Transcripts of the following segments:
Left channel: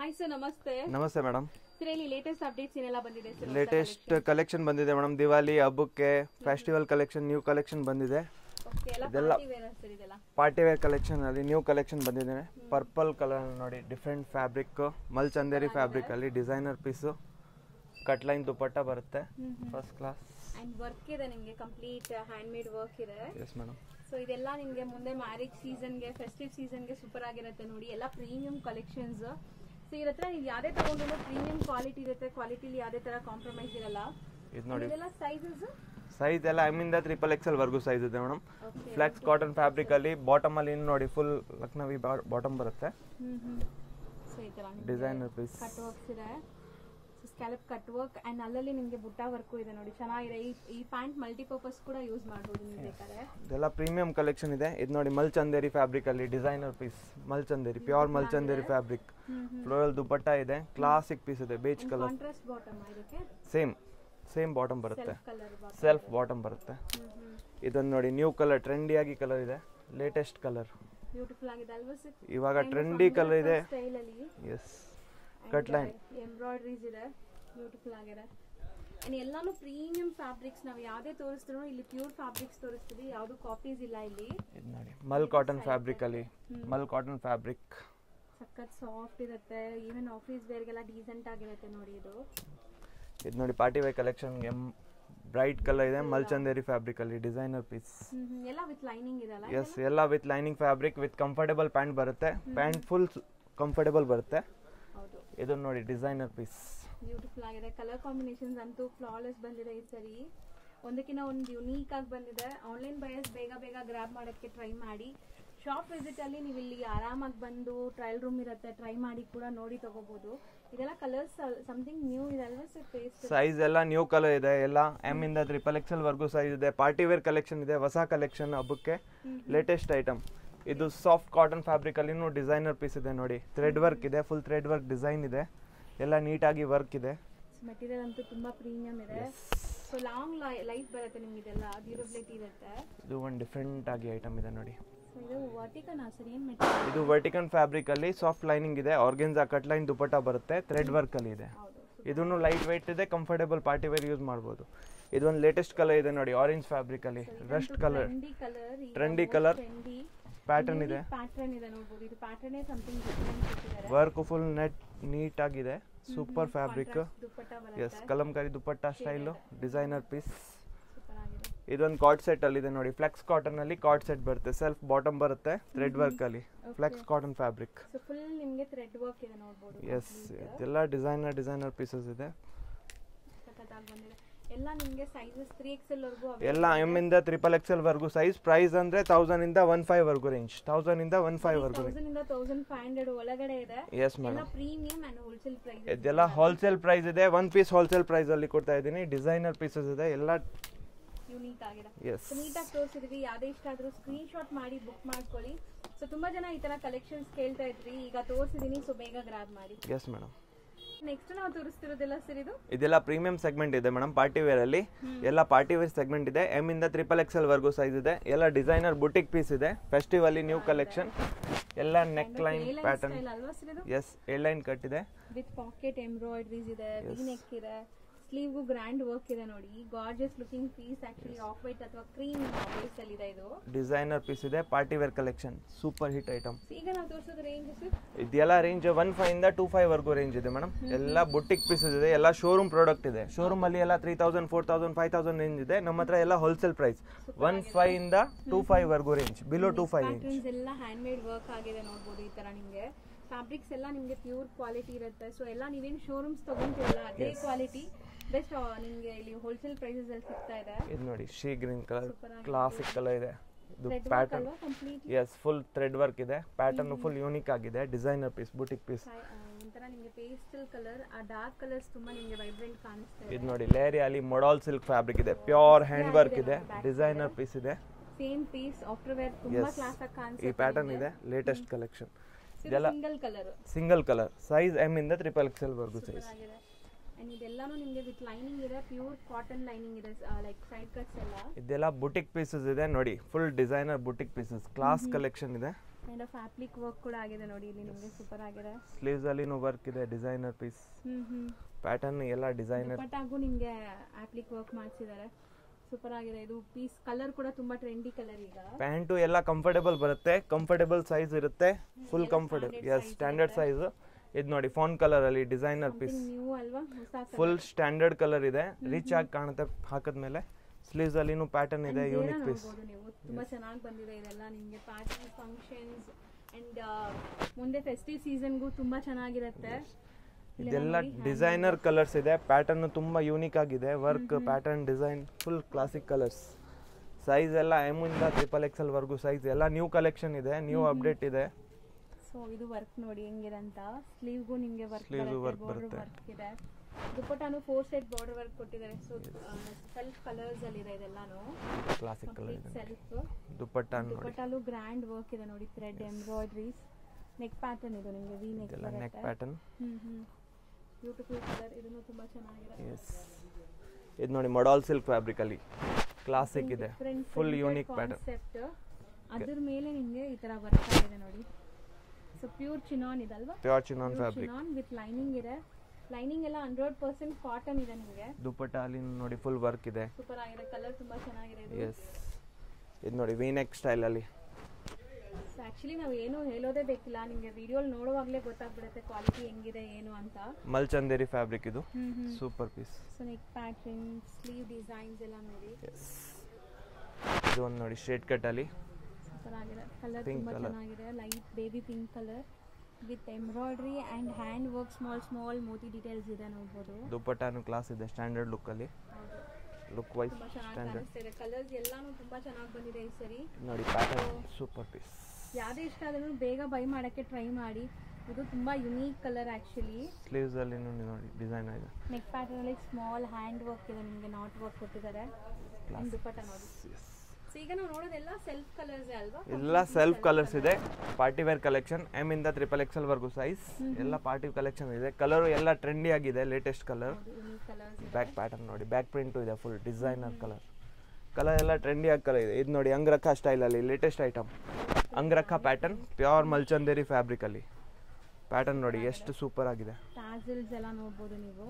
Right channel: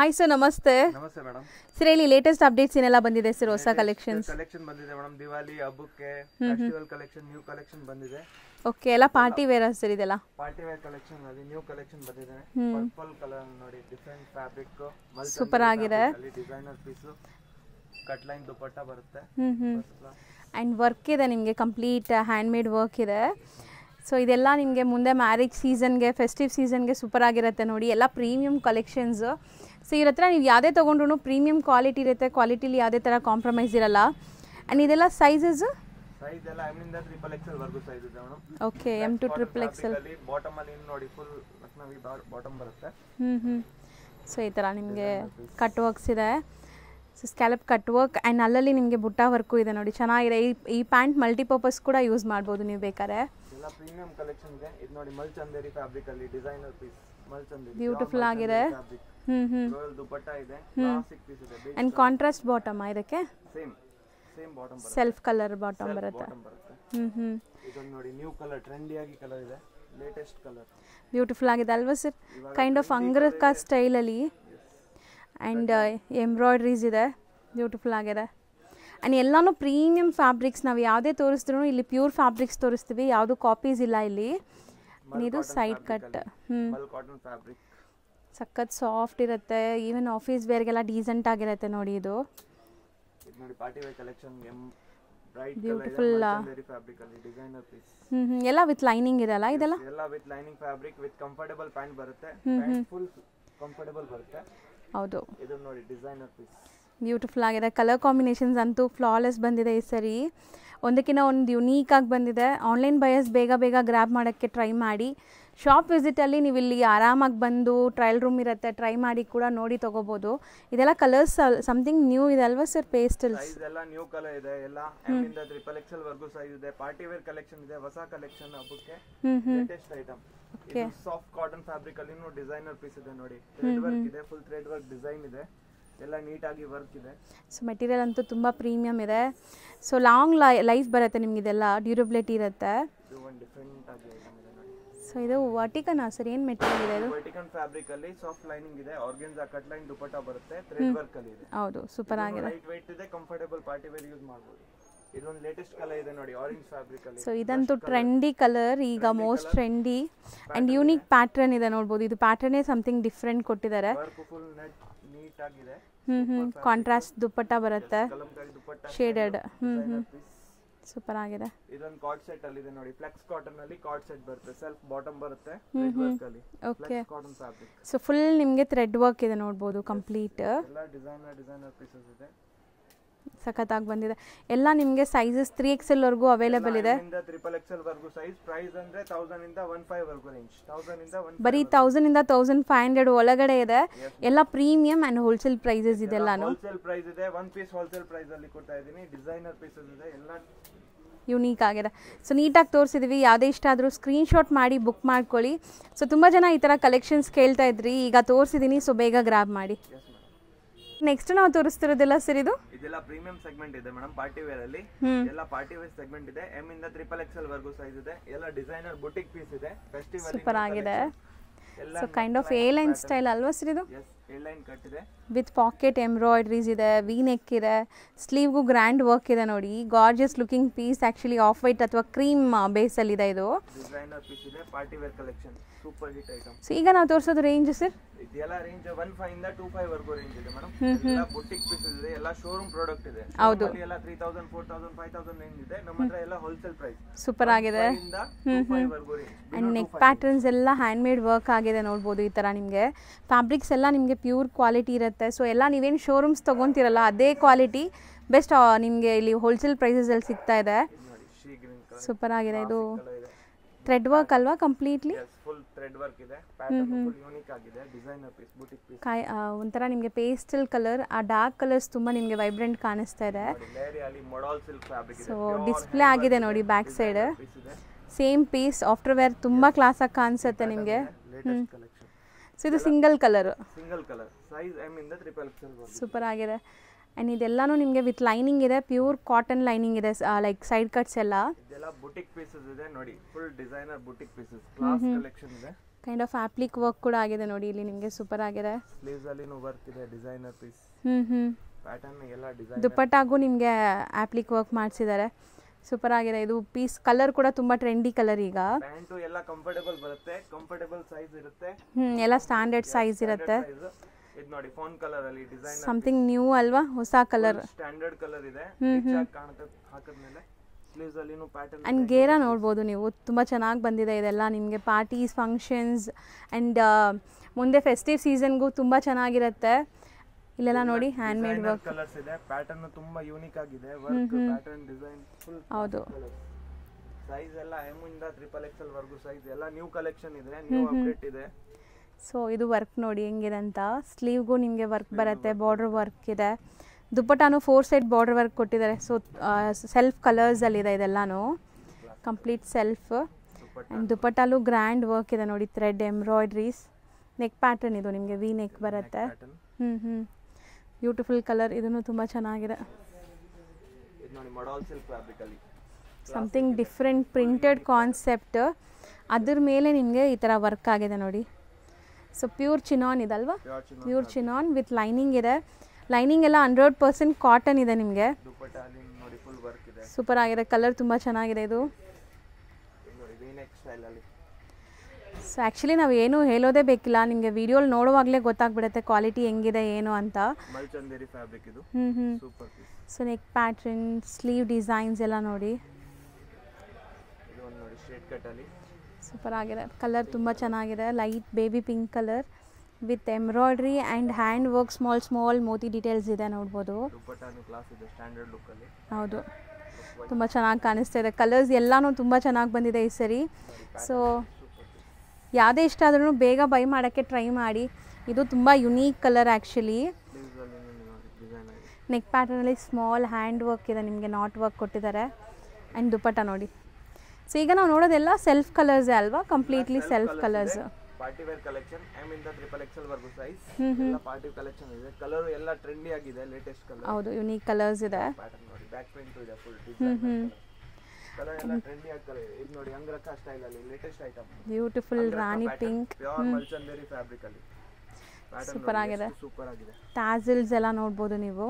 Hi sir, namaste. ನಮಸ್ತೆ madam. Sir ಹೇಳಿ latest updates ಏನೆಲ್ಲ ಬಂದಿದೆ ಸರ್ ಹೊಸ ಕಲೆಕ್ಷನ್ ಬಂದಿದೆ ಮೇಡಮ್. ದಿವಾಲಿ ಹಬ್ಬಕ್ಕೆ ಫೆಸ್ಟಿವಲ್ ಕಲೆಕ್ಷನ್, ನ್ಯೂ ಕಲೆಕ್ಷನ್ ಬಂದಿದೆ. ಓಕೆ, ಎಲ್ಲ ಪಾರ್ಟಿ ವೇರ್ ಸರ್ ಇದೆಲ್ಲ. ಪಾರ್ಟಿ ವೇರ್ ಕಲೆಕ್ಷನ್ ಅಲ್ಲಿ ನ್ಯೂ ಕಲೆಕ್ಷನ್ ಬಂದಿದೆ. ಪರ್ಪಲ್ ಕಲರ್ ನೋಡಿ, ಡಿಫರೆಂಟ್ ಫ್ಯಾಬ್ರಿಕ್, ಸೂಪರ್ ಆಗಿದೆ. ಅಲ್ಲಿ designer piece, cut line dupatta ಬರುತ್ತೆ. ಫಸ್ಟ್ ಕ್ಲಾಸ್ ಅಂಡ್ ವರ್ಕ್ ಇದೆ ನಿಮಗೆ, ಕಂಪ್ಲೀಟ್ ಹ್ಯಾಂಡ್ ಮೇಡ್ ವರ್ಕ್ ಇದೆ. ಸೊ ಇದೆಲ್ಲ ನಿಮಗೆ ಮುಂದೆ ಮ್ಯಾರೇಜ್ ಸೀಸನ್ಗೆ, ಫೆಸ್ಟಿವ್ ಸೀಸನ್ಗೆ ಸೂಪರ್ ಆಗಿರುತ್ತೆ ನೋಡಿ. ಎಲ್ಲ ಪ್ರೀಮಿಯಂ ಕಲೆಕ್ಷನ್ಸ್. ಸೊ ಇವ್ರ ಹತ್ರ ನೀವು ಯಾವುದೇ ತೊಗೊಂಡ್ರು ಪ್ರೀಮಿಯಂ ಕ್ವಾಲಿಟಿ ಇರುತ್ತೆ, ಕ್ವಾಲಿಟಿಲಿ ಯಾವುದೇ ಥರ ಕಾಂಪ್ರಮೈಸ್ ಇರಲ್ಲ. ಆ್ಯಂಡ್ ಇದೆಲ್ಲ ಸೈಜಸ್ ಎಲ್ಲ ಎಮ್ ಇಂದ XXL ವರ್ಗೂ ಸೈಜ್ ಇದೆ ಮೇಡಮ್. ಓಕೆ, ಕಾಟನ್ ಫ್ಯಾಬ್ರಿಕ್ ಅಲ್ಲಿ ಬಾಟಮ್ ಅಲ್ಲಿ ನೋಡಿ ಫುಲ್ ಲಕ್ನವಿ ಬಾಟಮ್ ಬರುತ್ತೆ. ಸೊ ಈ ಥರ ನಿಮಗೆ ಕಟ್ ವರ್ಕ್ಸ್ ಇದೆ. So scallop cut work and ಅಲ್ಲಲ್ಲಿ ನಿಮಗೆ ಬುಟ್ಟ ವರ್ಕು ಇದೆ ನೋಡಿ, ಚೆನ್ನಾಗಿದೆ. ಈ ಪ್ಯಾಂಟ್ ಮಲ್ಟಿಪರ್ಪಸ್ ಕೂಡ ಯೂಸ್ ಮಾಡ್ಬೋದು ನೀವು ಬೇಕಾದ್ರೆ. ಎಲ್ಲ ಪ್ರೀಮಿಯಂ ಕಲೆಕ್ಷನ್ ಇದೆ. ಇದು ನೋಡಿ ಮಲ್ಚಂದೇರಿ ಫ್ಯಾಬ್ರಿಕ್ ಅಲ್ಲಿ ಡಿಸೈನರ್ ಪೀಸ್, ಮಲ್ಚಂದೇರಿ ಪ್ಯೂರ್ ಬ್ಯೂಟಿಫುಲ್ ಆಗಿದೆ. ಮಲ್ಚಂದೇರಿ ಫ್ಯಾಬ್ರಿಕ್, ರಾಯಲ್ ದುಪಟ್ಟ ಇದೆ, ಕ್ಲಾಸಿಕ್ ಪೀಸ್ ಇದೆ. ಬೇಜ್ ಅಂಡ್ ಕಾಂಟ್ರಾಸ್ಟ್ ಬಾಟಮ್ ಇದಕ್ಕೆ, ಸೇಮ್ ಬಾಟಮ್ ಬರುತ್ತೆ, ಸೆಲ್ಫ್ ಕಲರ್ ಬಾಟಮ್ ಬರುತ್ತೆ. ಇದನ್ನ ನೋಡಿ, ನ್ಯೂ ಕಲರ್, ಟ್ರೆಂಡಿಯಾಗಿ ಕಲರ್ ಇದೆ, ಲೇಟೆಸ್ಟ್ ಕಲರ್, ಬ್ಯೂಟಿಫುಲ್ ಆಗಿದೆ ಅಲ್ವಾ sir? Kind of angrakha style ಅಲ್ಲಿ. ಅಂಡ್ ಎಂಬ್ರಾಯ್ಡ್ರೀಸ್ ಇದೆ, ಬ್ಯೂಟಿಫುಲ್ ಆಗಿದೆ. ಆ್ಯಂಡ್ ಎಲ್ಲಾನು ಪ್ರೀಮಿಯಂ ಫ್ಯಾಬ್ರಿಕ್ಸ್. ನಾವು ಯಾವುದೇ ತೋರಿಸಿದ್ರು ಇಲ್ಲಿ ಪ್ಯೂರ್ ಫ್ಯಾಬ್ರಿಕ್ಸ್ ತೋರಿಸ್ತೀವಿ, ಯಾವುದು ಕಾಪೀಸ್ ಇಲ್ಲ ಇಲ್ಲಿ. ಸೈಡ್ ಕಟ್, ಕಾಟನ್ ಫ್ಯಾಬ್ರಿಕ್ ಸಖತ್ ಸಾಫ್ಟ್ ಇರುತ್ತೆ. ಈವನ್ ಆಫೀಸ್ ವೇರ್ಗೆಲ್ಲ ಡೀಸೆಂಟ್ ಆಗಿರುತ್ತೆ ನೋಡಿ. ಇದು ನೋಡಿ party wear collection, bright colour ಇದೆ, ಮಲ್ಚಂದೇರಿ ಫ್ಯಾಬ್ರಿಕ್ ಅಲ್ಲಿ ಡಿಸೈನರ್ ಪೀಸ್. ಎಲ್ಲ ವಿತ್ ಲೈನಿಂಗ್ ಇದೆ ಅಲ್ಲ ಇದೆಲ್ಲ? ಎಲ್ಲ with lining fabric, with comfortable pant ಬರುತ್ತೆ. ಪ್ಯಾಂಟ್ ಫುಲ್ ಕಂಫರ್ಟಬಲ್ ಬರುತ್ತೆ. ಹೌದು, ಇದನ್ನ ನೋಡಿ ಡಿಸೈನರ್ ಪೀಸ್, ಬ್ಯೂಟಿಫುಲ್ ಆಗಿದೆ. ಕಲರ್ ಕಾಂಬಿನೇಷನ್ಸ್ ಅಂತೂ ಫ್ಲಾಲೆಸ್ ಬಂದಿದೆ ಈ ಸರಿ, ಒಂದಕ್ಕಿಂತ ಒಂದು ಯುನೀಕ್ ಆಗಿ ಬಂದಿದೆ. ಆನ್ಲೈನ್ ಬಯರ್ಸ್ ಬೇಗ ಗ್ರ್ಯಾಬ್ ಮಾಡೋಕ್ಕೆ ಟ್ರೈ ಮಾಡಿ. ಶಾಪ್ ವಿಸಿಟಲ್ಲಿ ನೀವು ಇಲ್ಲಿ ಆರಾಮಾಗಿ ಬಂದು ಟ್ರಯಲ್ ರೂಮ್ ಇರುತ್ತೆ, ಟ್ರೈ ಮಾಡಿ ಕೂಡ ನೋಡಿ ತೊಗೋಬೋದು. ಇದೆಲ್ಲ ಕಲರ್ಸ್ ಸಮಥಿಂಗ್ ನ್ಯೂ ಇದೆ ಅಲ್ವಾ ಸರ್? ಪೇಸ್ಟಲ್ ಸೈಜ್ ಎಲ್ಲ ನ್ಯೂ ಕಲರ್ ಇದೆ. ಎಲ್ಲ ಎಮ್ ಇಂದ XXL ವರ್ಗೂ ಸೈಜ್ ಇದೆ. ಪಾರ್ಟಿ ವೇರ್ ಕಲೆಕ್ಷನ್ ಇದೆ, ಹೊಸ ಕಲೆಕ್ಷನ್ ಹಬ್ಬಕ್ಕೆ ಲೇಟೆಸ್ಟ್ ಐಟಮ್. ಇದು ಸಾಫ್ಟ್ ಕಾಟನ್ ಫ್ಯಾಬ್ರಿಕ್ ಅಲ್ಲಿ ಡಿಸೈನರ್ ಪೀಸ್ ಇದೆ ನೋಡಿ, ಥ್ರೆಡ್ ವರ್ಕ್ ಇದೆ, ಫುಲ್ ಥ್ರೆಡ್ ವರ್ಕ್ ಡಿಸೈನ್ ಇದೆ, ಎಲ್ಲ ನೀಟಾಗಿ ವರ್ಕ್ ಇದೆ. ಸೊ ಮೆಟೀರಿಯಲ್ ಅಂತೂ ತುಂಬ ಪ್ರೀಮಿಯಂ ಇದೆ. ಸೊ ಲಾಂಗ್ ಲೈಫ್ ಬರುತ್ತೆ ನಿಮ್ಗೆ, ಇದೆಲ್ಲ ಡ್ಯೂರಬಿಲಿಟಿ ಇರುತ್ತೆ. ಇದು ಒಂದು ಡಿಫರೆಂಟ್ ಆಗಿ ಐಟಮ್ ಇದೆ ನೋಡಿ. ಸೊ ಇದು ವರ್ಟಿಕನ್ ಸರ್? ಏನು ಮೆಟೀರಿಯಲ್ ಇದೆ? ಇದು ವರ್ಟಿಕನ್ ಫ್ಯಾಬ್ರಿಕ್ ಅಲ್ಲಿ ಸಾಫ್ಟ್ ಲೈನಿಂಗ್ ಇದೆ, ಆರ್ಗೆನ್ಜಾ ಕಟ್ ಲೈನ್ ದುಪಟ್ಟ ಬರುತ್ತೆ, ಥ್ರೆಡ್ ವರ್ಕ್ ಅಲ್ಲಿ ಇದೆ. ಹೌದು, ಸೂಪರ್ ಆಗಿದೆ. ಲೈಟ್ ವೇಟ್ ಇದೆ, ಕಂಫರ್ಟಬಲ್ ಪಾರ್ಟಿ ವೇರ್ ಯೂಸ್ ಮಾಡಬಹುದು. ಇದೊಂದು ಲೇಟೆಸ್ಟ್ ಕಲರ್ ಇದೆ ನೋಡಿ, ಆರೆಂಜ್ ಫ್ಯಾಬ್ರಿಕ್ ಅಲ್ಲಿ. ಸೊ ಇದಂತೂ ಟ್ರೆಂಡಿ ಕಲರ್, ಈಗ most trendy and unique pattern ಇದೆ ನೋಡಬಹುದು. ಇದು ಪ್ಯಾಟರ್ನ್ ಸಮಥಿಂಗ್ ಡಿಫರೆಂಟ್ ಕೊಟ್ಟಿದ್ದಾರೆ. ವರ್ಕ್ ಫುಲ್ ನೀಟ್ ಆಗಿದೆ, ಸೂಪರ್ ಫ್ಯಾಬ್ರಿಕ್, ಕಾಂಟ್ರಾಸ್ಟ್ ದುಪಟ್ಟ ಬರುತ್ತೆ, kalamkari dupatta, shaded designer piece, super ಆಗಿದೆ. ಇದೊಂದು ಕಾರ್ಡ್ ಸೆಟ್ ಅಲ್ಲಿ ಇದೆ ನೋಡಿ, ಫ್ಲೆಕ್ಸ್ ಕಾಟನ್ ಅಲ್ಲಿ ಕಾರ್ಡ್ ಸೆಟ್ ಬರುತ್ತೆ, ಸೆಲ್ಫ್ ಬಾಟಮ್ ಬರುತ್ತೆ, ಥ್ರೆಡ್ ವರ್ಕ್ ಅಲ್ಲಿ, flex cotton fabric. So full ನಿಮಗೆ ಥ್ರೆಡ್ ವರ್ಕ್ ಇದೆ ನೋಡಬಹುದು, ಕಂಪ್ಲೀಟ್ ಎಲ್ಲ ಡಿಸೈನರ್ ಪೀಸಸ್ ಇದೆ, ಸಖತ್ತಾಗಿ ಬಂದಿದೆ. ಎಲ್ಲ ನಿಮಗೆ ಸೈಜಸ್ 3XL ವರೆಗೂ ಅವೈಲೇಬಲ್ ಇದೆ. ಎಮ್ ಇಂದ XXL ವರೆಗೂ ಸೈಜ್. ಪ್ರೈಸ್ ಅಂದ್ರೆ 1000 ಇಂದ 15 ವರೆಗೂ ರೇಂಜ್, 1000 ಇಂದ 15 ಬರೀ 1000 ಇಂದ 1500 ಒಳಗಡೆ ಇದೆ. ಎಲ್ಲ ಪ್ರೀಮಿಯಂ ಅಂಡ್ ಹೋಲ್ಸೇಲ್ ಪ್ರೈಸಸ್ ಇದೆ. ಎಲ್ಲ ಹೋಲ್ಸೇಲ್ ಪ್ರೈಸ್ ಇದೆ. ಒನ್ ಪೀಸ್ ಹೋಲ್ಸೇಲ್ ಪ್ರೈಸ್ ಅಲ್ಲಿ ಕೊಡ್ತಾ ಇದ್ದೀನಿ. ಡಿಸೈನರ್ ಪೀಸಸ್ ಇದೆ, ಎಲ್ಲ ಯೂನಿಕ್ ಆಗಿದೆ. ಸೊ ನೀಟಾಗಿ ತೋರಿಸಿದ್ವಿ. ಯಾವುದೇ ಇಷ್ಟ ಆದರೂ ಸ್ಕ್ರೀನ್ ಶಾಟ್ ಮಾಡಿ ಬುಕ್ ಮಾಡ್ಕೊಳ್ಳಿ. ಸೊ ತುಂಬ ಜನ ಈ ಥರ ಕಲೆಕ್ಷನ್ಸ್ ಕೇಳ್ತಾ ಇದ್ರಿ, ಈಗ ತೋರಿಸಿದ್ದೀನಿ. ಸೊ ಬೇಗ ಗ್ರಾಬ್ ಮಾಡಿ. S madam. ನೆಕ್ಸ್ಟ್ ನಾವು ತೋರಿಸ್ತಿರೋದಿಲ್ಲ ಸರ್, ಇದೆಲ್ಲ ಪ್ರೀಮಿಯಂ ಸೆಗ್ಮೆಂಟ್ ಇದೆ ಮೇಡಮ್. ಪಾರ್ಟಿ ವೇರ್ ಅಲ್ಲಿ ಎಲ್ಲ ಪಾರ್ಟಿ ವೇರ್ ಸೆಗ್ಮೆಂಟ್ ಇದೆ. ಎಮ್ ಇಂದ XXL ವರ್ಗೂ ಸೈಜ್ ಇದೆ. ಎಲ್ಲ ಡಿಸೈನರ್ ಬುಟಿಕ್ ಪೀಸ್ ಇದೆ, ಫೆಸ್ಟಿವಲ್ ನ್ಯೂ ಕಲೆಕ್ಷನ್. ಎಲ್ಲ kind of a line style ಅಲ್ವಾ ಸರ್ ಇದು? ಎಸ್, ಎ ಲೈನ್ ಕಟ್ ಇದೆ, ವಿತ್ ಪಾಕೆಟ್ ಎಂಬ್ರಾಯ್ಡ್ರೀಸ್ ಇದೆ, ವಿ ನೆಕ್ ಇದೆ, ಸ್ಲೀವ್ಗೂ ಗ್ರ್ಯಾಂಡ್ ವರ್ಕ್ ಇದೆ ನೋಡಿ. Gorgeous looking piece, actually off white ಅಥವಾ ಕ್ರೀಮ್ ಬೇಸ್ ಅಲ್ಲಿ ಇದೆ. ಇದು ಡಿಸೈನರ್ ಪೀಸ್ ಇದೆ, party wear collection, super hit item. So ಈಗ ನಾವು ತೋರಿಸೋದು ರೇಂಜ್ ಸರ್? ಇದೆಲ್ಲ ರೇಂಜ್ 15 ಇಂದ 25 ವರ್ಗೂ ರೇಂಜ್ ಇದೆ ಮೇಡಮ್. ಎಲ್ಲ ಬುಟಿಕ್ ಪೀಸಸ್ ಇದೆ, ಎಲ್ಲ ಶೋರೂಮ್ ಪ್ರಾಡಕ್ಟ್ ಇದೆ. ಶೋರೂಮ್ ಅಲ್ಲಿ ಎಲ್ಲ 3000, 4000, 5000 ರೇಂಜ್ ಇದೆ. ನಮ್ಮ ಹತ್ರ ಎಲ್ಲ ಹೋಲ್ಸೇಲ್ ಪ್ರೈಸ್. ಸೂಪರ್ ಆಗಿದೆ. 15 ಇಂದ 25 ವರ್ಗೂ ರೇಂಜ್, ಬಿಲೋ 25. ಪ್ಯಾಟರ್ನ್ಸ್ ಎಲ್ಲ ಹ್ಯಾಂಡ್ ಮೇಡ್ ವರ್ಕ್ ಆಗಿದೆ ನೋಡಬಹುದು. ಈ ತರ ನಿಮಗೆ ಫ್ಯಾಬ್ರಿಕ್ಸ್ ಎಲ್ಲ ನಿಮಗೆ ಪ್ಯೂರ್ ಕ್ವಾಲಿಟಿ ಇರುತ್ತೆ. ಸೊ ಎಲ್ಲ ನೀವೇನು ಶೋರೂಮ್ಸ್ ತಗೊಂತೀರಲ್ಲ ಅದೇ ಕ್ವಾಲಿಟಿ ಬೆಸ್ಟ್ ನಿಮಗೆ ಇಲ್ಲಿ ಹೋಲ್ಸೇಲ್ ಪ್ರೈಸಸ್ ಅಲ್ಲಿ ಸಿಗ್ತಾ ಇದೆ. ನೋಡಿ, ಶೀ ಗ್ರೀನ್ ಕಲರ್, ಸೂಪರ್ ಆಗಿದೆ. ಇದು ಇದೆ, ಥ್ರೆಡ್ ವರ್ಕ್ ಅಲ್ವಾ completely? Yes, full thread work ಇದೆ. ಪ್ಯಾಟರ್ನ್ ಫುಲ್ ಯೂನಿಕ್ ಆಗಿದೆ, ಡಿಸೈನರ್ ಪೀಸ್, ಬುಟಿಕ್ ಪೀಸ್. ಒಂಥರ ನಿಮಗೆ ಪೇಸ್ಟಲ್ ಕಲರ್, ಆ ಡಾರ್ಕ್ ಕಲರ್ಸ್ ತುಂಬಾ ನಿಮಗೆ ವೈಬ್ರೆಂಟ್ ಕಾಣಿಸ್ತಾ ಇದೆ. ನೋಡಿ, ಲೇರಿ ಅಲ್ಲಿ ಮೊಡಲ್ ಸಿಲ್ಕ್ ಫ್ಯಾಬ್ರಿಕ್ ಇದೆ, ಪ್ಯೂರ್ ಡಿಸ್ಪ್ಲೇ ಆಗಿದೆ ನೋಡಿ ಬ್ಯಾಕ್ ಸೈಡ್. ಪೀಸ್ ಇದೆ, ಸೇಮ್ ಪೀಸ್, ಆಫ್ಟರ್ ವೇರ್ ತುಂಬಾ ಕ್ಲಾಸ್ ಆಗಿ ಕಾಣಿಸುತ್ತೆ ನಿಮಗೆ. Latest collection. ಸೊ ಇದು ಸಿಂಗಲ್ ಕಲರ್, ಸೈಜ್ ಎಮ್ ಇಂದ XXL ವರ್ಗೂ. ಸೂಪರ್ ಆಗಿದೆ. ಅಂಡ್ ಇದೆಲ್ಲಾನು ನಿಮಗೆ ವಿತ್ ಲೈನಿಂಗ್ ಇದೆ, ಪ್ಯೂರ್ ಕಾಟನ್ ಲೈನಿಂಗ್ ಇದೆ, ಲೈಕ್ ಸೈಡ್ ಕಟ್ಸ್ ಎಲ್ಲ. ಇದೆಲ್ಲ ಬುಟಿಕ್ ಪೀಸಸ್ ಇದೆ ನೋಡಿ, full designer boutique pieces, class collection ಇದೆ. ಕೈಂಡ್ ಆಫ್ ಆಪ್ಲಿಕ್ ವರ್ಕ್ ಕೂಡ ಆಗಿದೆ ನೋಡಿ ಇಲ್ಲಿ ನಿಮಗೆ ಸೂಪರ್ ಆಗಿದೆ. ಸ್ಲೀವ್ಸ್ ಅಲ್ಲಿನೂ ವರ್ಕ್ ಇದೆ, ಡಿಸೈನರ್ ಪೀಸ್. ಪ್ಯಾಟರ್ನ್ ಎಲ್ಲ ಡಿಸೈನ್. ದುಪ್ಪಟ್ಟಾಗೂ ನಿಮಗೆ ಆಪ್ಲಿಕ್ ವರ್ಕ್ ಮಾಡಿಸಿದ್ದಾರೆ, ಸೂಪರ್ ಆಗಿದೆ. ಇದು ಪೀಸ್ ಕಲರ್ ಕೂಡ ತುಂಬಾ ಟ್ರೆಂಡಿ ಕಲರ್. ಈಗ ಪ್ಯಾಂಟ್ ಎಲ್ಲ ಕಂಫರ್ಟಬಲ್ ಬರುತ್ತೆ, ಕಂಫರ್ಟಬಲ್ ಸೈಜ್ ಇರುತ್ತೆ, ಎಲ್ಲ ಸ್ಟ್ಯಾಂಡರ್ಡ್ ಸೈಜ್ ಇರುತ್ತೆ. ಇದು ನೋಡಿ ಫೋನ್ ಕಲರ್ ಅಲ್ಲಿ ಡಿಸೈನ್ ಸಮಥಿಂಗ್ ನ್ಯೂ ಅಲ್ವಾ, ಹೊಸ ಕಲರ್, ಸ್ಟ್ಯಾಂಡರ್ಡ್ ಕಲರ್ ಇದೆ, ರಿಚ್ ಆಗಿ ಕಾಣುತ್ತೆ ಹಾಕಿದ್ಮೇಲೆ. ಸ್ಲೀವ್ಸ್ ಅಲ್ಲಿನೂ ಪ್ಯಾಟರ್ನ್ ಇದೆ, ಅಂಡ್ ಗೇರಾ ನೋಡ್ಬೋದು ನೀವು, ತುಂಬಾ ಚೆನ್ನಾಗಿ ಬಂದಿದೆ ಇದೆಲ್ಲ ನಿಮಗೆ ಪಾರ್ಟೀಸ್, ಫಂಕ್ಷನ್ಸ್ ಅಂಡ್ ಮುಂದೆ ಫೆಸ್ಟಿವ್ ಸೀಸನ್ಗೂ ತುಂಬಾ ಚೆನ್ನಾಗಿರುತ್ತೆ. ಇಲ್ಲೆಲ್ಲ ನೋಡಿ ಡಿಸೈನರ್ ಕಲರ್ಸ್ ಇದೆ, ಪ್ಯಾಟರ್ನ್ ತುಂಬಾ ಯೂನಿಕ್ ಆಗಿದೆ, work pattern design full classic colours. Size ಎಲ್ಲ M ಇಂದ XXL ವರೆಗೂ ಸೈಜ್ ಎಲ್ಲ ನ್ಯೂ ಕಲೆಕ್ಷನ್ ಇದೆ, ನ್ಯೂ ಅಪ್ಡೇಟ್ ಇದೆ. ಸೊ ಇದು ವರ್ಕ್ ನೋಡಿ ಹೆಂಗಿದೆ ಅಂತ. ಸ್ಲೀವ್ಗೂ ನಿಮಗೆ ವರ್ಕ್ ಬರುತ್ತೆ, ಬಾರ್ಡರ್ ವರ್ಕ್ ಇದೆ. ದುಪ್ಪಟ್ಟಾನು 4 ಸೈಡ್ ಬಾರ್ಡರ್ ವರ್ಕ್ ಕೊಟ್ಟಿದ್ದಾರೆ. ಸೊ ಸೆಲ್ಫ್ ಕಲರ್ಸ್ ಅಲ್ಲಿ ಇದೆ ಇದೆಲ್ಲಾನು, ಕಂಪ್ಲೀಟ್ ಸೆಲ್ಫ್. ದುಪ್ಪಟ್ಟಾಲು ಗ್ರ್ಯಾಂಡ್ ವರ್ಕ್ ಇದೆ ನೋಡಿ, ಥ್ರೆಡ್ ಎಂಬ್ರಾಯ್ಡ್ರೀಸ್. ನೆಕ್ ಪ್ಯಾಟರ್ನ್ ಇದು ನಿಮಗೆ ವಿ ನೆಕ್ ಬರುತ್ತೆ. ಬ್ಯೂಟಿಫುಲ್ ಕಲರ್, ಇದನ್ನು ತುಂಬಾ ಚೆನ್ನಾಗಿದೆ. ಇದು ನೋಡಿ ಮಾಡಲ್ ಸಿಲ್ಕ್ ಫ್ಯಾಬ್ರಿಕ್ ಅಲ್ಲಿ ಸಮಥಿಂಗ್ ಡಿಫರೆಂಟ್ ಪ್ರಿಂಟೆಡ್ ಕಾನ್ಸೆಪ್ಟ್, ಅದ್ರ ಮೇಲೆ ನಿಮಗೆ ಈ ತರ ವರ್ಕ್ ಆಗಿದೆ ನೋಡಿ. ಸೊ ಪ್ಯೂರ್ ಚಿನಾನ್ ಇದಲ್ವಾ, ಪ್ಯೂರ್ ಚಿನಾನ್ ವಿತ್ ಲೈನಿಂಗ್ ಇದೆ. ಲೈನಿಂಗ್ ಎಲ್ಲ 100% ಕಾಟನ್ ಇದೆ ನಿಮಗೆ. ದುಪ್ಪಟ್ಟ ಅಲ್ಲಿ ನೋಡಿ ಫುಲ್ ವರ್ಕ್ ಇದೆ, ಸೂಪರ್ ಆಗಿದೆ. ಕಲರ್ ತುಂಬಾ ಚೆನ್ನಾಗಿದೆ. ಇದು ನೋಡಿ ವಿ ನೆಕ್ ಸ್ಟೈಲ್ ಅಲ್ಲಿ. ಸೊ ಆ್ಯಕ್ಚುಲಿ ನಾವು ಏನು ಹೇಳೋದೇ ಬೇಕಿಲ್ಲ, ನಿಮಗೆ ವಿಡಿಯೋಲಿ ನೋಡುವಾಗಲೇ ಗೊತ್ತಾಗ್ಬಿಡುತ್ತೆ ಕ್ವಾಲಿಟಿ ಹೆಂಗಿದೆ ಏನು ಅಂತ. ಮಲ್ಚಂದೇರಿ ಫ್ಯಾಬ್ರಿಕ್ ಇದು, super piece. So neck pattern, sleeve designs ಎಲ್ಲ ನೋಡಿ. ಇದು ಒಂದು ನೋಡಿ ಶೇಡ್ ಕಟ್ ಅಲ್ಲಿ ಸೂಪರ್ ಆಗಿದೆ. ಕಲರ್ ತುಂಬ ಚೆನ್ನಾಗಿದೆ, light baby pink colour with embroidery and hand work, small small ಮೋತಿ ಡೀಟೇಲ್ಸ್ ಇದೆ ನೋಡ್ಬೋದು. ದುಪ್ಪಟ್ಟಾನು ಕ್ಲಾಸ್ ಇದೆ, ಸ್ಟ್ಯಾಂಡರ್ಡ್ ಲುಕ್ ಅಲ್ಲಿ. ಹೌದು, ತುಂಬ ಚೆನ್ನಾಗಿ ಕಾಣಿಸ್ತಾ ಇದೆ. ಕಲರ್ಸ್ ಎಲ್ಲಾನು ತುಂಬ ಚೆನ್ನಾಗಿ ಬಂದಿದೆ ಈ ಸರಿ. ಸೊ ಯಾವುದೇ ಇಷ್ಟ ಆದ್ರೂ ಬೇಗ ಬೈ ಮಾಡೋಕ್ಕೆ ಟ್ರೈ ಮಾಡಿ. ಇದು ತುಂಬ ಯುನೀಕ್ ಕಲರ್ ಆ್ಯಕ್ಚುಲಿ. ನೆಕ್ ಪ್ಯಾಟರ್ನಲ್ಲಿ ಸ್ಮಾಲ್ ಹ್ಯಾಂಡ್ ವರ್ಕ್ ಇದೆ ನಿಮಗೆ, ನಾಟ್ ವರ್ಕ್ ಕೊಟ್ಟಿದ್ದಾರೆ. ಆ್ಯಂಡ್ ದುಪ್ಪಟ್ಟ ನೋಡಿ. ಸೊ ಈಗ ನಾವು ನೋಡೋದೆಲ್ಲ ಸೆಲ್ಫ್ ಕಲರ್ಸ್ ಅಲ್ವಾ, completely self colours. Party wear collection M ಇಂದ XXL ವರೆಗೂ ಸೈಜ್ ಎಲ್ಲ ಪಾರ್ಟಿ ಕಲೆಕ್ಷನ್ ಇದೆ. ಕಲರ್ ಎಲ್ಲ ಟ್ರೆಂಡಿ ಆಗಿದೆ, ಲೇಟೆಸ್ಟ್ ಕಲರ್. ಹೌದು, ಯುನೀಕ್ ಕಲರ್ಸ್ ಇದೆ. ಪ್ಯಾಟರ್ನ್ ನೋಡಿ, ಬ್ಯಾಕ್ ಪ್ರಿಂಟ್ ಇದೆ, ಫುಲ್ ಡಿಸೈನರ್ ಕಲರ್. ಕಲರ್ ಎಲ್ಲ ಟ್ರೆಂಡಿ ಆಗಿ ಕಲರ್ ಇದೆ. ಇದು ನೋಡಿ ಅಂಗ್ರಖಾ ಸ್ಟೈಲ್ ಅಲ್ಲಿ latest item, angrakha pattern, pure ಮಲ್ಚಂದೇರಿ ಫ್ಯಾಬ್ರಿಕ್ ಅಲ್ಲಿ. ಪ್ಯಾಟರ್ನ್ ನೋಡಿ ಎಷ್ಟು ಸೂಪರ್ ಆಗಿದೆ. ಟ್ಯಾಸಲ್ಸ್ ಎಲ್ಲ ನೋಡ್ಬೋದು ನೀವು,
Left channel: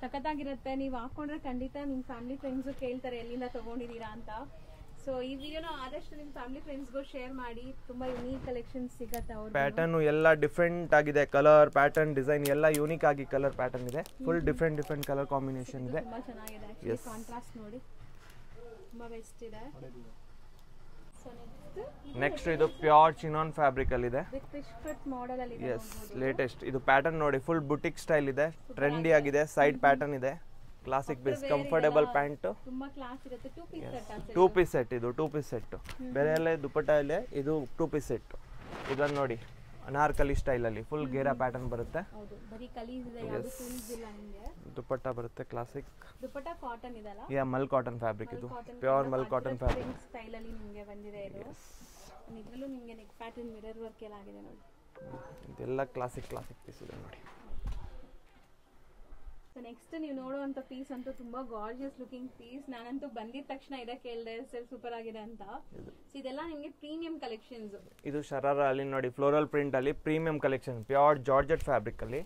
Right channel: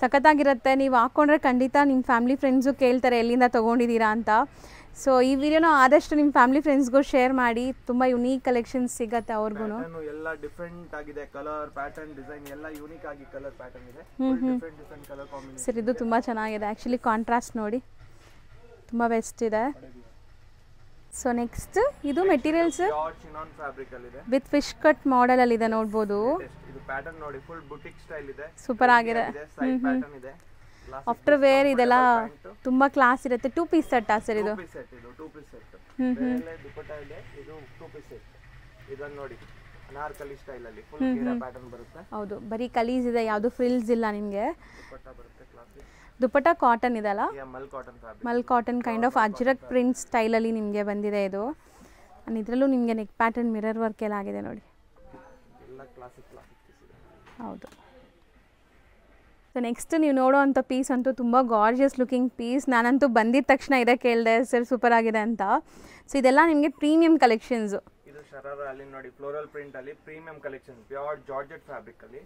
ಸಖತ್ತಾಗಿರುತ್ತೆ. ನೀವು ಹಾಕೊಂಡ್ರೆ ಖಂಡಿತ ನಿಮ್ಮ ಫ್ಯಾಮಿಲಿ ಫ್ರೆಂಡ್ಸು ಕೇಳ್ತಾರೆ ಎಲ್ಲಿಂದ ತೊಗೊಂಡಿದ್ದೀರಾ ಅಂತ. ಸೊ ಈ ವಿಡಿಯೋನ ಆದಷ್ಟು ನಿಮ್ಮ ಫ್ಯಾಮಿಲಿ ಫ್ರೆಂಡ್ಸ್ಗೂ ಶೇರ್ ಮಾಡಿ, ತುಂಬ ಯುನೀಕ್ ಕಲೆಕ್ಷನ್ಸ್ ಸಿಗುತ್ತೆ ಅವ್ರಿಗೂ. ಪ್ಯಾಟರ್ನ್ ಎಲ್ಲ ಡಿಫರೆಂಟ್ ಆಗಿದೆ, ಕಲರ್ ಪ್ಯಾಟರ್ನ್ ಡಿಸೈನ್ ಎಲ್ಲ ಯೂನಿಕ್ ಆಗಿ ಕಲರ್ ಪ್ಯಾಟರ್ನ್ ಇದೆ, full different colour combination. Sir ಇದು ತುಂಬ ಚೆನ್ನಾಗಿದೆ ಆ್ಯಕ್ಚುಲಿ, ಕಾಂಟ್ರಾಸ್ಟ್ ನೋಡಿ ತುಂಬ ಬೆಸ್ಟ್ ಇದೆ. ಸೊ ನೆಕ್ಸ್ಟ್ ಇದು ಮೆಟೀರಿಯಲ್ಸ್ ಪ್ಯೂರ್ ಚಿನಾನ್ ಫ್ಯಾಬ್ರಿಕ್ ಅಲ್ಲಿ ಇದೆ, ವಿತ್ ಫಿಶ್ ಕಟ್ ಮಾಡೆಲ್ ಅಲ್ಲಿ ಇದೆ ನೋಡಬಹುದು. ಲೇಟೆಸ್ಟ್ ಇದು ಪ್ಯಾಟರ್ನ್ ನೋಡಿ, ಫುಲ್ ಬುಟಿಕ್ ಸ್ಟೈಲ್ ಇದೆ, ಸೂಪರ್ ಆಗಿದೆ. ಸೈಡ್ ಪ್ಯಾಟರ್ನ್ ಇದೆ, ಕ್ಲಾಸಿಕ್ ಆಫ್ಟರ್ ವೇರ್ ಇದೆಲ್ಲ ತುಂಬಾ ಕ್ಲಾಸ್ ಇರುತ್ತೆ. 2 ಪೀಸ್ ಸೆಟ್ ಆ ಸರ್, ಇದು 2 ಪೀಸ್ ಸೆಟ್. ಇದು 2 ಪೀಸ್ ಸೆಟ್, ಬೇರೆ ಎಲ್ಲ ದುಪ್ಪಟ್ಟ ಇದೆ, ಇದು 2 ಪೀಸ್ ಸೆಟ್. ಇದನ್ನ ನೋಡಿ ಅನಾರ್ಕಲಿ ಸ್ಟೈಲ್ ಅಲ್ಲಿ ಫುಲ್ ಗೇರಾ ಪ್ಯಾಟರ್ನ್ ಬರುತ್ತೆ. ಹೌದು, ಬರೀ ಕಲೀಸ್ ಇದೆ, ಯಾವುದು ಫ್ರಿಲ್ಸ್ ಇಲ್ಲ ನಿಮಗೆ. ದುಪ್ಪಟ್ಟ ಬರುತ್ತೆ ಕ್ಲಾಸಿಕ್. ದುಪ್ಪಟ್ಟ ಕಾಟನ್ ಇದೆ ಅಲ್ಲ, mul cotton fabric, mul cotton kind of ajrakh print style ಅಲ್ಲಿ ನಿಮಗೆ ಬಂದಿದೆ ಇದು. ಅಂಡ್ ಇದರಲ್ಲೂ ನಿಮಗೆ ನೆಕ್ ಪ್ಯಾಟರ್ನ್ ಮಿರರ್ ವರ್ಕ್ ಎಲ್ಲ ಆಗಿದೆ ನೋಡಿ. ಇದೆಲ್ಲ ಕ್ಲಾಸಿಕ್ ಪೀಸ್ ಇದೆ ನೋಡಿ. ಹೌದು. ಸೊ ನೆಕ್ಸ್ಟ್ ನೀವು ನೋಡೋವಂಥ ಪೀಸ್ ಅಂತೂ ತುಂಬ ಗಾರ್ಜಿಯಸ್ ಲುಕಿಂಗ್ ಪೀಸ್. ನಾನಂತೂ ಬಂದಿದ ತಕ್ಷಣ ಇದೇ ಕೇಳಿದೆ, ಸರ್ ಸೂಪರ್ ಆಗಿದೆ ಅಂತ. ಸೊ ಇದೆಲ್ಲ ನಿಮಗೆ ಪ್ರೀಮಿಯಂ ಕಲೆಕ್ಷನ್ಸ್. ಇದು ಶರಾರ ಅಲ್ಲಿ ನೋಡಿ, ಫ್ಲೋರಲ್ ಪ್ರಿಂಟ್ ಅಲ್ಲಿ premium collection, pure georgette fabric ಅಲ್ಲಿ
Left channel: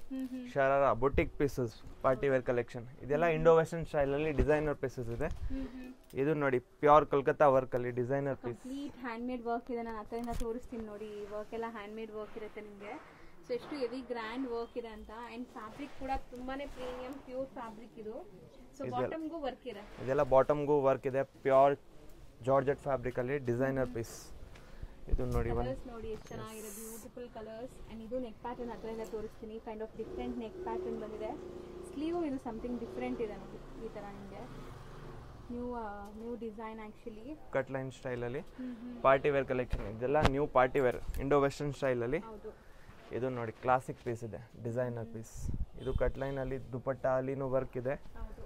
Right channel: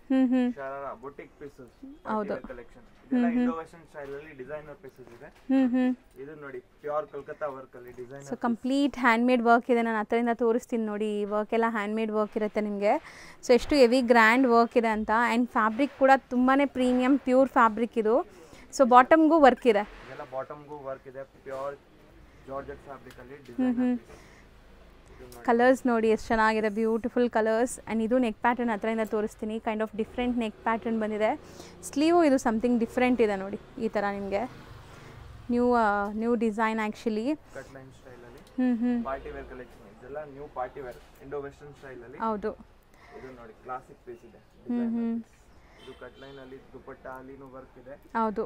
sharara boutique pieces, party wear collection. ಇದೆಲ್ಲ ಇಂಡೋ ವೆಸ್ಟರ್ನ್ ಸ್ಟೈಲ್ ಅಲ್ಲಿ ಡಿಸೈನರ್ ಪೀಸಸ್ ಇದೆ. ಇದು ನೋಡಿ ಪ್ಯೂರ್ ಕೋಲ್ಕತ್ತಾ ವರ್ಕ್ ಅಲ್ಲಿ designer, complete hand made work ಇದೆ. ನಾನು ಹತ್ತಿರದಿಂದ ತೋರಿಸ್ತೀನಿ ನೋಡಿ, ಈ ವರ್ಕ್ ಎಲ್ಲ ಹ್ಯಾಂಡ್ ಮೇಡ್ ವರ್ಕ್ ಇರುತ್ತೆ ನಿಮಗೆ. ಸೊ ಎಷ್ಟು ಹೆವಿ ಗ್ರ್ಯಾಂಡ್ ವರ್ಕ್ ಇದೆ ಅಂತ. ಆ್ಯಂಡ್ ಫ್ಯಾಬ್ರಿಕ್ ಕೂಡ ತುಂಬಾ ಪ್ರೀಮಿಯಂ ಪ್ಯೂರ್ ಫ್ಯಾಬ್ರಿಕ್ ಇದು. ಸೊ ಬಾಟಮ್ಗೂ ವರ್ಕ್ ಇದೆ, ಇದೆಲ್ಲ ಬಾಟಮ್ಗೂ ವರ್ಕ್ ಇದೆ, ಪ್ಯೂರ್ ಜಾರ್ಜೆಟ್ ಫ್ಯಾಬ್ರಿಕ್ ಅಲ್ಲಿ ಡಿಸೈನರ್ ಪೀಸ್. ಕಲರ್ಸ್ ನೋಡಿ ಎಷ್ಟು ಚೆನ್ನಾಗಿದೆ, ಬ್ಯೂಟಿಫುಲ್ ಕಲರ್ಸ್. ಆ್ಯಂಡ್ ಇದು ನೆಕ್ ಪ್ಯಾಟರ್ನ್ ಹತ್ರದಿಂದ ತೋರಿಸ್ತೀನಿ, kind of different neck pattern ಬಂದಿದೆ. ಸ್ಲೀವು ಇದು ಸಮಥಿಂಗ್ ಡಿಫ್ರೆಂಟ್ ಇದೆ ನೋಡಿ, ಈ ಥರ ನಿಮಗೆ new design actually, cut line style ಅಲ್ಲಿ ಪಾರ್ಟಿ ವೇರ್ ಕಲೆಕ್ಷನ್. ಇದೆಲ್ಲ new party wear Indo western style ಅಲ್ಲಿ. ಹೌದು, ಇದು ನೋಡಿ ಕ್ಲಾಸಿಕ್ ಪೀಸ್ ಇದೆ, ಡಿಸೈನರ್ ಪೀಸ್. ಇದು ಕಟ್ ಲೈನ್ ಅಲ್ಲಿ ದುಪ್ಪಟ್ಟ ಅಲ್ಲಿನೂ ವರ್ಕ್ ಇದೆ. ಹೌದು,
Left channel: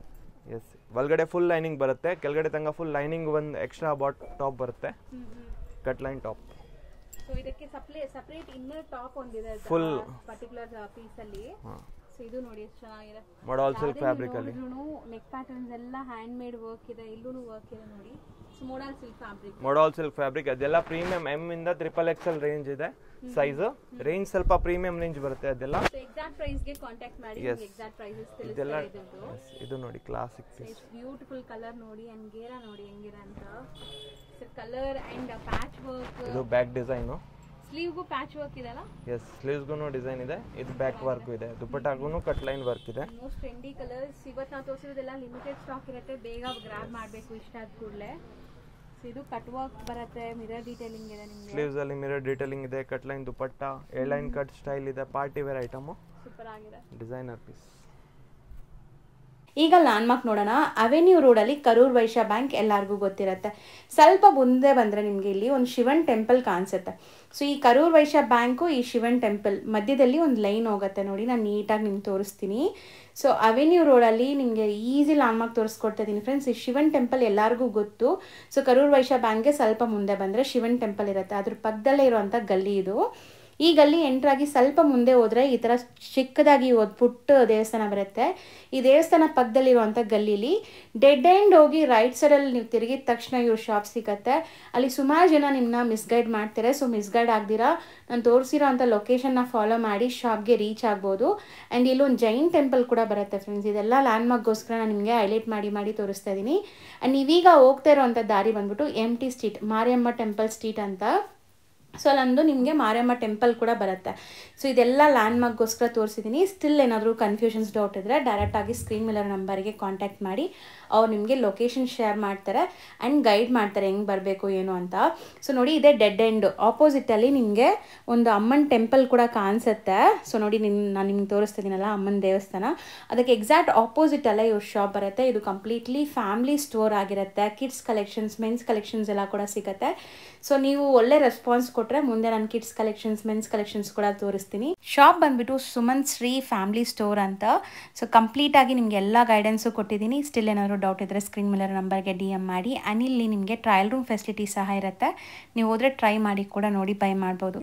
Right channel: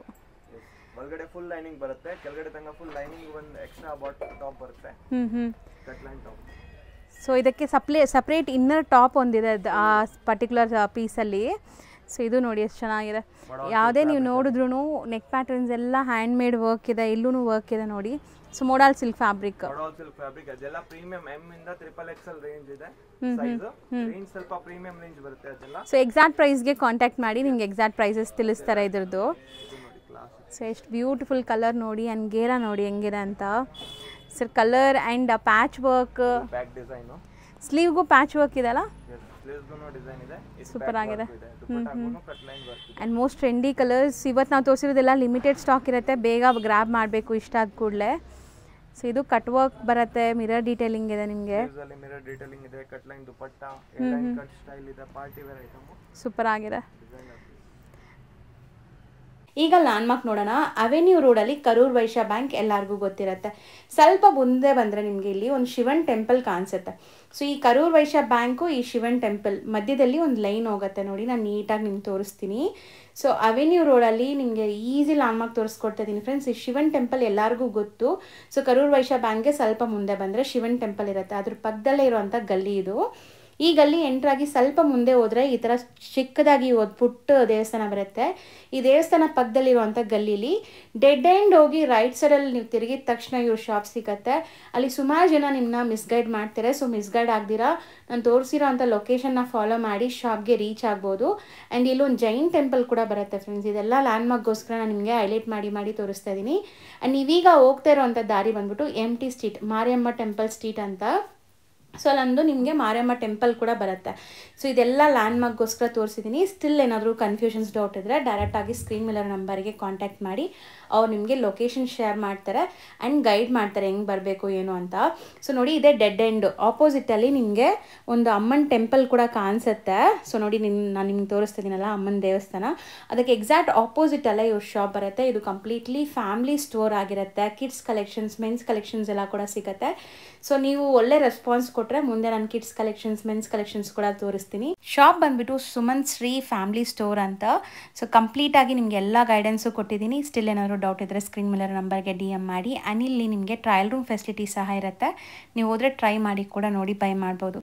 ಎಸ್. ಒಳಗಡೆ ಫುಲ್ ಲೈನಿಂಗ್ ಬರುತ್ತೆ, ಕೆಳಗಡೆ ತನಕ ಫುಲ್ ಲೈನಿಂಗ್ ಒಂದು ಎಕ್ಸ್ಟ್ರಾ ಟಾಪ್ ಬರುತ್ತೆ, ಕಟ್ ಲೈನ್ ಟಾಪ್. ಸೊ ಇದಕ್ಕೆ ಸಪ್ರೇಟ್ ಇನ್ನರ್ ಟಾಪ್ ಒಂದಿದೆ ಆ ಪರ್ಟಿಕ್ಯುಲರ್ ಪೀಸಲ್ಲಿ. ಸೊ ಇದು ನೋಡಿ ಎಷ್ಟು ಚೆನ್ನಾಗಿದೆ. ಯಾವುದೇ ನೀವು ನೋಡಿದ್ರು ನೆಕ್ ಪ್ಯಾಟರ್ನ್ಸ್ ಎಲ್ಲ ಹ್ಯಾಂಡ್ ಮೇಡ್ ವರ್ಕ್ ಇದೆ, ಇಲ್ಲೂ ವರ್ಕ್ ಇದೆ ನೋಡಿ. So modal silk fabric. Modal silk fabric ಅದೆಲ್ಲ ಪ್ರೀಮಿಯಂ ಎಂ ಇಂದ XXL ರೇಂಜ್ ಇದೆ ಸೈಜ್. ರೇಂಜ್ ಸ್ವಲ್ಪ ಪ್ರೀಮಿಯಂ ರೇಂಜ್ ಬರುತ್ತೆ ಅದೆಲ್ಲ. ಸೊ ಎಕ್ಸಾಕ್ಟ್ ಪ್ರೈಸ್ ಗೆ ಕಾಂಟ್ಯಾಕ್ಟ್ ಮಾಡಿ ನಿಮಗೆ ಎಕ್ಸಾಕ್ಟ್ ಪ್ರೈಸಸ್ ತಿಳಿಸ್ತಾರೆ ಇದ್ರದ್ದು. ಇದು ನೋಡಿ ಕ್ಲಾಸಿಕ್. ಸೊ ಎಷ್ಟು ಬ್ಯೂಟಿಫುಲ್ ಕಲರ್ ನೋಡಿ ಅಂಡ್ ಗೇರಾ ನೋಡಿ ಹೆಂಗಿದೆ ಅಂತ. Sir colour and patch work. Back design. ಸ್ಲೀವ್ಗೂ ಪ್ಯಾಚ್ ವರ್ಕ್ ಇದೆ ಅಲ್ಲ? ಎಸ್, ಸ್ಲೀವ್ಸ್ಗೂ ಡಿಸೈನ್ ಇದೆ. ಇದು ಬ್ಯಾಕ್ ವರ್ಕ್ ಇದೆ. ದುಪಟ್ಟಾಗೂ ಕಟ್ ಲೈನ್ ವರ್ಕ್ ಇದೆ. And most trendy colours. ಇವತ್ತು ನಾವು ತೋರಿಸಿರೋದೆಲ್ಲ ಲಿಮಿಟೆಡ್ ಸ್ಟಾಕ್ ಇರುತ್ತೆ, ಬೇಗ ಗ್ರಾಬ್ ಮಾಡಬೇಕು ಇಷ್ಟ ಆದ ಕೂಡಲೇ. ಸೊ ಇದು ಕಟ್ ವರ್ಕ್ ಬರುತ್ತೆ, ಮಿರರ್ ಡೀಟೇಲಿಂಗ್ ಇದೆ ನಿಮಗೆ. ಸ್ಲೀವ್ಸ್ ಅಲ್ಲಿ ಮಿರರ್ ಡೀಟೇಲಿಂಗ್ ಇದೆ, cut line dupatta, a line cut style ಇದೆ, ಪಾರ್ಟಿ ವೇರ್ ಐಟಮ್. ಸೂಪರ್ ಆಗಿದೆ. Designer piece. ಈಗ ಲ್ಯಾಂಡ್ಮಾರ್ಕ್ ನೋಡೋಣ. ಅವೆನ್ಯೂ ರೋಡಲ್ಲಿ ಕರೂರ್ ವೈಶ್ಯ ಬ್ಯಾಂಕ್ ಎಲ್ಲರಿಗೂ ಗೊತ್ತಿರುತ್ತೆ. ಸ್ವಲ್ಪ ಮುಂದೆ ಬಂದರೆ ನಿಮಗೆ ಇಲ್ಲಿ ಒಂದು ಶಿವನ್ ಟೆಂಪಲ್ ಕಾಣಿಸುತ್ತೆ. ಸೊ ಈ ಕರೂರ್ ವೈಶ್ಯ ಬ್ಯಾಂಕು, ಈ ಶಿವನ್ ಟೆಂಪಲ್ ಮಧ್ಯದಲ್ಲಿ ಒಂದು ಲೈನ್ ಹೋಗುತ್ತೆ ನೋಡಿ. ನಾನು ನೀಟಾಗಿ ನಿಮ್ಗೆ ತೋರಿಸ್ತೀನಿ. ಸೊ ಅವೆನ್ಯೂ ರೋಡಲ್ಲಿ ನಿಮಗೆ ಈಸಿ ಲ್ಯಾಂಡ್ಮಾರ್ಕ್ ತೋರಿಸ್ಕೊಡ್ತಾ ಇದ್ದೀನಿ ಫ್ರೆಂಡ್ಸ್. ಈ ಶಿವನ್ ಟೆಂಪಲ್ ಎಲ್ಲರಿಗೂ ಗೊತ್ತು. ಸೊ ಕರೂರ್ ವೈಶ್ಯ ಬ್ಯಾಂಕ್ಗೆ ಸ್ವಲ್ಪ ಮುಂದೆ ಬಂದರೆ ಶಿವನ್ ಟೆಂಪಲ್ ಇರುತ್ತೆ. ಅದ್ರ ಪಕ್ಕದಲ್ಲೇ ಇರುವಂಥ ಗಲ್ಲಿ ಇದು. ಈ ಗಲ್ಲಿ ಎಂಟ್ರಾಗಿ ಸ್ವಲ್ಪ ಮುಂದೆ ಹೋದರೆ ಈ ಥರ ಚಿಕ್ಕದಾಗಿ ಒಂದು ಪುಟ್ಟ ದೇವಸ್ಥಾನ ಬರುತ್ತೆ. ಈ ದೇವಸ್ಥಾನ ಪಕ್ಕದಲ್ಲಿರುವಂಥ ಗಲ್ಲೀಲಿ ಡೆಡ್ ಎಂಡ್ ಹೋಗಿ ರೈಟ್ ಸೈಡಲ್ಲಿ ನೀವು ತಿರುಗಿದ ತಕ್ಷಣ ಇವ್ರ ಶಾಪ್ ಸಿಗುತ್ತೆ. ಅಲ್ಲಿ ಸುಮಾರು ಜನ ನಿಮ್ಮನ್ನ ಮಿಸ್ಗೈಡ್ ಮಾಡ್ತಾರೆ. ಸೊ ಮಿಸ್ಗೈಡ್ ಆಗ್ದಿರಾ ನಾನು ತೋರಿಸಿರೋ ಅಂಥ ಲೊಕೇಶನ್ನ ಫಾಲೋ ಮಾಡಿ ಶಾಪ್ಗೆ ರೀಚ್ ಆಗ್ಬೋದು. ಆ್ಯಂಡ್ ಇಲ್ಲೊಂದು ಜೈನ್ ಟೆಂಪಲ್ ಕೂಡ ಬರುತ್ತೆ ಫ್ರೆಂಡ್ಸ್. ಇದೆಲ್ಲ ಲ್ಯಾಂಡ್ಮಾರ್ಕ್ಗೋಸ್ಕರ ನಾನು ನಿಮಗೆ ಹೈಲೈಟ್ ಮಾಡಿ ತೋರಿಸ್ತಾ ಇದ್ದೀನಿ. ಆ್ಯಂಡ್ ನೀವೀಗ ಹೋಗ್ತಾ ಇರೋವಂಥ ದಾರಿ ಬಂದ್ಬಿಟ್ಟು MT street, Mariamma temple street ಅಂತ. ಸೊ ಅಲ್ಲೊಂದು ನಿಮಗೆ ಮಾರಿಯಮ್ಮ ಟೆಂಪಲ್ ಕೂಡ ಬರುತ್ತೆ. ಸೊ ಇದೆಲ್ಲ ಲ್ಯಾಂಡ್ಮಾರ್ಕ್ಗೋಸ್ಕರ ತೋರಿಸಿದ್ದೀನಿ. ಸ್ಟಿಲ್ ಏನಾದರೂ ಕನ್ಫ್ಯೂಷನ್ಸ್ ಡೌಟ್ ಇದ್ದರೆ ಡೈರೆಕ್ಟಾಗಿ ಸ್ಕ್ರೀನ್ ಮೇಲರ್ ನಂಬರ್ಗೆ ಕಾಂಟ್ಯಾಕ್ಟ್ ಮಾಡಿ ಅವ್ರು ನಿಮಗೆ ಲೊಕೇಶನ್ ಶೇರ್ ಮಾಡ್ತಾರೆ ಆ್ಯಂಡ್ ಗೈಡ್ ಮಾಡ್ತಾರೆ ಹೆಂಗೆ ಬರಬೇಕು ಏನು ಅಂತ. ಸೊ ನೋಡಿ ಇದೇ ಡೆಡ್ ಎಂಡ್ ಆಪೋಸಿಟಲ್ಲಿ ನಿಮಗೆ ಒಂದು ಅಮ್ಮನ ಟೆಂಪಲ್ ಕೂಡ ಕಾಣಿಸುತ್ತೆ. ಸೊ ನೋಡಿ ನಾನು ನಿಮ್ಗೆ ತೋರಿಸ್ತಿದ್ದೀನಲ್ಲ ಅಮ್ಮನ ದೇವಸ್ಥಾನ, ಅದಕ್ಕೆ ಎಕ್ಸಾಕ್ಟ್ ಆಪೋಸಿಟಲ್ಲೇ ಇವ್ರ ಶಾಪ್ ಬರುತ್ತೆ. ಇದು ಕಂಪ್ಲೀಟ್ಲಿ ಫ್ಯಾಮಿಲಿ ಸ್ಟೋರ್ ಆಗಿರುತ್ತೆ. ಕಿಡ್ಸ್ ಕಲೆಕ್ಷನ್ಸ್, ಮೆನ್ಸ್ ಕಲೆಕ್ಷನ್ಸ್ ಎಲ್ಲ ಕೂಡ ಸಿಗುತ್ತೆ. ಸೊ ನೀವು ಒಳ್ಳೆ ರೆಸ್ಪಾನ್ಸ್ ಕೊಟ್ಟರೆ ಮುಂದೆ ನಾನು ಕಿಡ್ಸ್ ಕಲೆಕ್ಷನ್ಸ್, ಮೆನ್ಸ್ ಕಲೆಕ್ಷನ್ಸ್ ಕೂಡ ತೋರಿಸ್ತೀನಿ. ಶಾಪ್ ಬಂದ್ಬಿಟ್ಟು ಸುಮನ್ ಶ್ರೀ ಫ್ಯಾಮಿಲಿ ಸ್ಟೋರ್ ಅಂತ. ಸೊ ಕಂಪ್ಲೀಟಾಗಿ ನಿಮಗೆ ಎಲ್ಲ ಗೈಡೆನ್ಸು ಕೊಟ್ಟಿದ್ದೀನಿ. ಸ್ಟಿಲ್ ಏನಾದರೂ ಡೌಟ್ ಇದ್ದರೆ ಸ್ಕ್ರೀನ್ ಮೇಲರ್ ನಂಬರ್ಗೆ DM ಮಾಡಿ. ಆ್ಯಂಡ್ ಇಲ್ಲಿ ನಿಮಗೆ ಟ್ರಯಲ್ ರೂಮ್ ಫೆಸಿಲಿಟಿ ಸಹ ಇರುತ್ತೆ. ನೀವು ಹೋದರೆ ಟ್ರೈ ಮಾಡಿ ಕೂಡ ನೋಡಿ ಬೈ ಮಾಡ್ಬೋದು.